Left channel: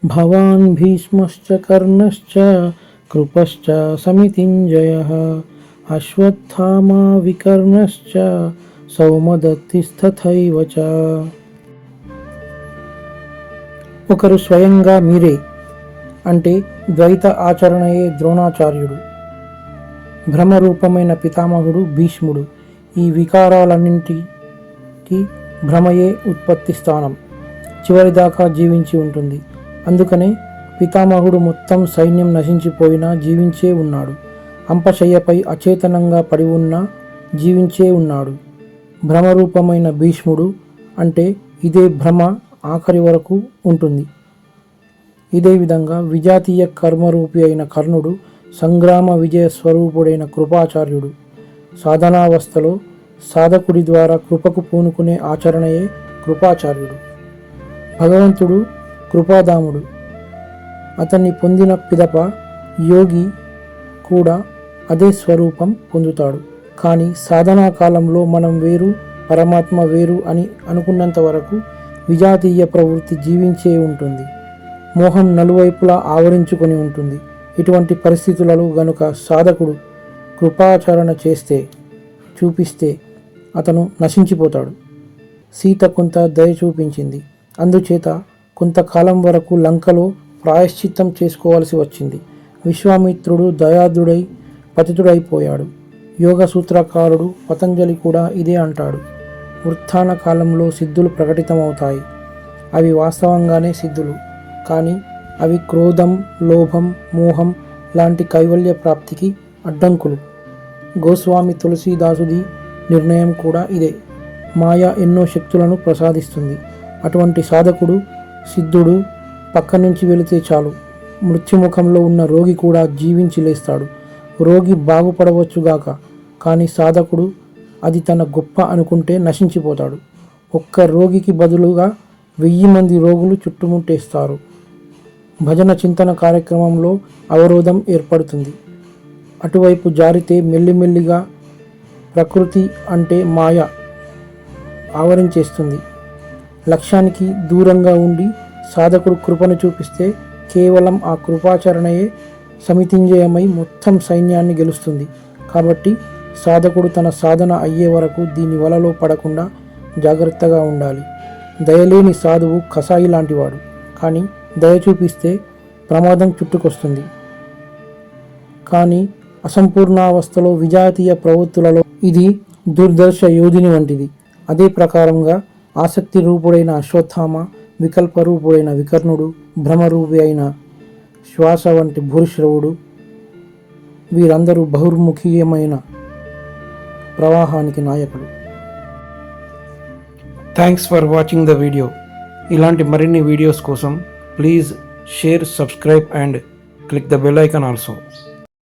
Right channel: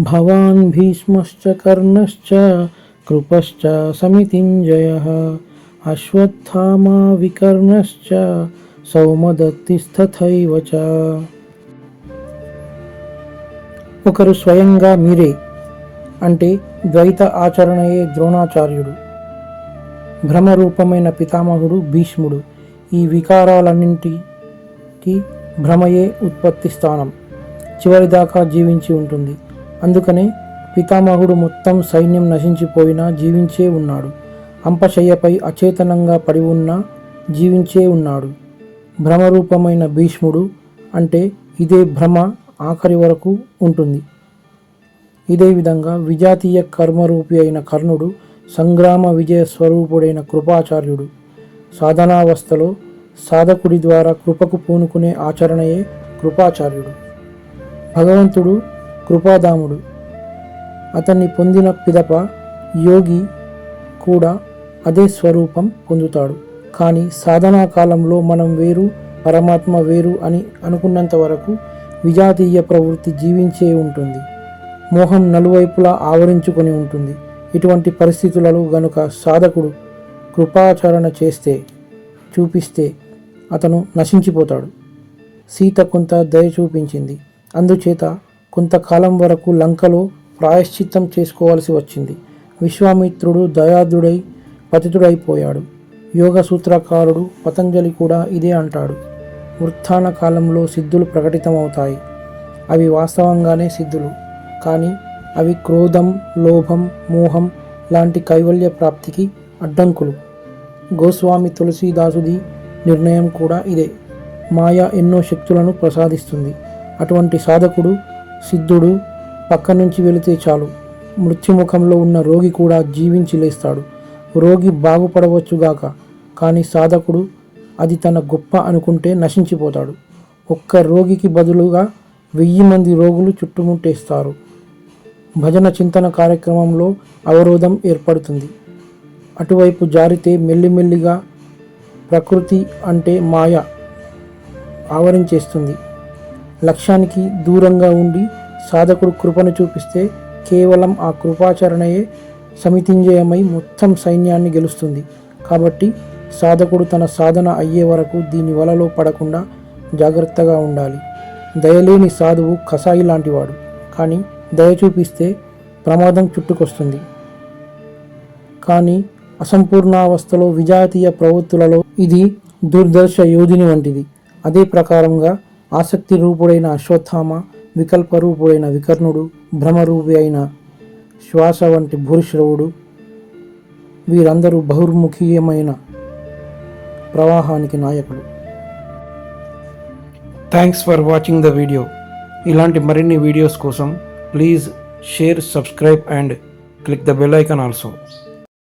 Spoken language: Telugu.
భవాన్ భీష్మశ్చ కర్ణశ్చ కృపశ్చ సమితింజయ అశ్వత్థామా వికర్ణశ్చ సౌమదత్తిస్తథైవ చ ఒకరు స్వయంగా మీరే అంటే ద్వైత ఆచరణయే ద్రోణాచార్యుడు. భ్రమరూపమైన పితామహుడు భీష్ముడు ఈ వికారాలన్నింటికి భ్రమయే ఉత్పత్తి స్థానం. చివరిదాకా జీవించి ఉంటుంది. అందుకనే పితామహుడు మొత్తం సైన్యం నశించిపోయినా జీవించే ఉన్నాడు. అంపశయ్యపై అచేతనంగా పడి ఉన్నా జీవించే ఉన్నాడు. భ్రమరూపమైన భీష్ముడు అంటే ఇదే భ్రమ ఆఖరి వరకు ఉంటుంది. ఇదే విధంగా విజాతీయ కర్మరూపి అయిన కర్ణుడు సంగ్రామ విజయ స్వరూపుడైన కృపాచార్యుడు సాధనావస్థలో సాధకుడి ద్వారా కృపకు పూనుకునే ఆచరణయే కృపాచార్యుడు. భగవంతుడు కృపాదాముడు. అతని పొందిన పిదప యోగి కూడా అదే స్వరూపం పొందుతాడు. కానీ సాధనా కాలంలో మనం వేరు పరమాత్మ వేరు అని అనుకున్నంత వరకు విజాతీయ ప్రవృత్తి జీవించే ఉంటుంది. మోహం నలువైపులా ఆవరించుకొని ఉంటుంది. ఇటువంటి పరిస్థితులలో గనుక సాధకుడు కృపాచరణ చేస్తే చూపిస్తే అతను నశించిపోతాడు. సీత కొంత దయ చూపించింది. అందుచేత కొంతకాలం వరకు లంకలో ప్రాయశ్చిత్తం చేసుకోవాల్సి వచ్చింది. విశ్వామిత్రుడు దయాదుడై పతితుడైపోయాడు. యోగ సూత్రకారుడు పతంజలి కూడా ఇదే అంటాడు. వృత్తాన కాలంలో సిద్ధులు ప్రకటితమవుతాయి. అవి వాస్తవంగానే సిద్ధులు. కానీ అవి క్రోధం లోభం మోహం లాంటి కైవల్య ప్రాప్తికి అడ్డంకులు. గోస్వామి తులసీదాసుడి నిర్ణయం కూడా ఇదే. మాయ ఎన్నో శక్తులను ప్రసాదిస్తుంది. అటువంటి సాధకుడు సిద్ధుడు పక్క నుంచి వెళితే చాలు. మృత్యుముఖంలో ఉన్న రోగి కూడా జీవించి లేస్తాడు. రోగి బాగుపడవచ్చుగాక కానీ సాధకుడు అది తన గొప్ప అనుకుంటే నశించిపోతాడు. ఒక్క రోగికి బదులుగా వెయ్యి మంది రోగులు చుట్టుముట్టేస్తారు. భజన చింతన కార్యక్రమంలో అవరోధం ఏర్పడుతుంది. అటువైపు జారితే మెల్లిమెల్లిగా ప్రకృతి అంటే మాయ ఆవరించేస్తుంది లక్ష్యానికి దూరంగా ఉండి సాధకుడు కృపను చూపిస్తే కేవలం ఆ కృపాచరణయే సమితింజయమై మొత్తం సైన్యాన్ని గెలుస్తుంది. కాబట్టి సాధకుడు తన సాధన అయ్యే వరకు దీని వలలో పడకుండా జాగ్రత్తగా ఉండాలి. దయలేని సాధువు కసాయి లాంటివాడు. కానీ దయ చూపిస్తే ప్రమాదం చుట్టుకొస్తుంది. కానీ అసంపూర్ణావస్థలో విజాతీయ ప్రవృత్తులలో ఇది దుర్దర్శ యోగిని వంటిది. అదే ప్రకారంగా ఆసక్తి రూపుడైన అశ్వత్థామ వికల్ప రూపుడైన వికర్ణుడు భ్రమరూపి అయిన శ్వాస వంటి భూరిశ్రవుడు వీరందరూ బహుర్ముఖీయమైన ప్రవాహానికి నాయకుడు. Thanks for watching the video ఇలాంటి మరిన్ని వీడియోస్ కోసం please share subscribe and click the bell icon also